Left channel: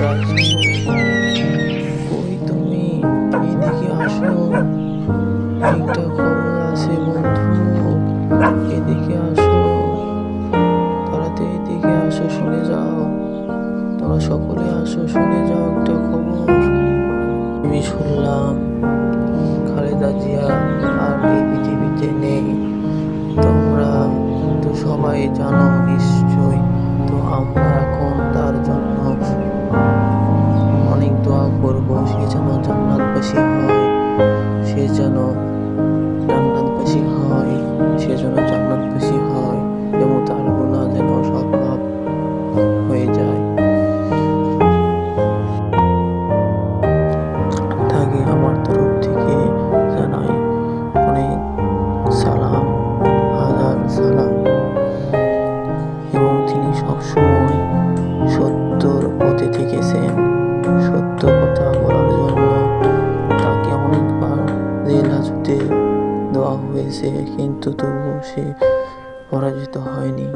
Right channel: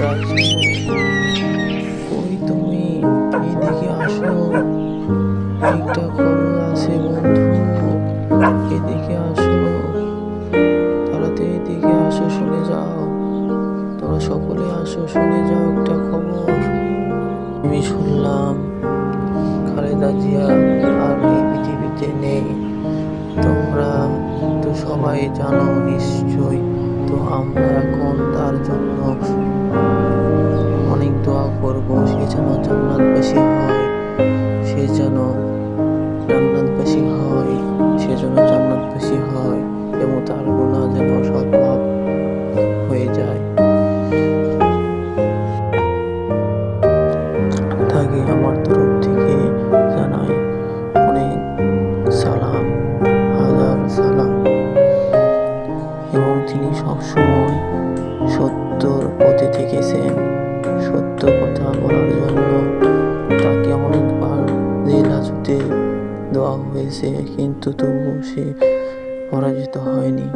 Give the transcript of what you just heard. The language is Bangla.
রাজু, কই তুমি? এদিকে আসো, একটা খবর আছে বন্ধু। এদিকে আসো, তাড়াতাড়ি এদিকে আসো, শুনে যাও। তোরা সকলে আসো, শুনে যাও একটা খবর। আমি শুনলাম খালেদা জিয়া আর এই পৃথিবীতে নেই। তোমরা তো সবাই জানো নিশ্চয়। তো আমরা এখন তার জন্য অনেক দোয়া করব, সে যেন জান্নাতবাসী হয়, সে যেন জান্নাতবাসী হয়, সে যেন জান্নাতবাসী হয় এবং তার গুনাহ যেন সব মাফ হয়ে যায়। তাকে আমার তরফ থেকে জানাই অনেক সালাম, হাজার সালাম। এবং তিনি সবসময় সত্যর পথে থেকেছেন, সত্য কথা বলার জন্য। তাকে অনেকবার জেল হাজতে দেওয়া হয়েছে, কিন্তু তবুও সে পরাজিত হয়নি।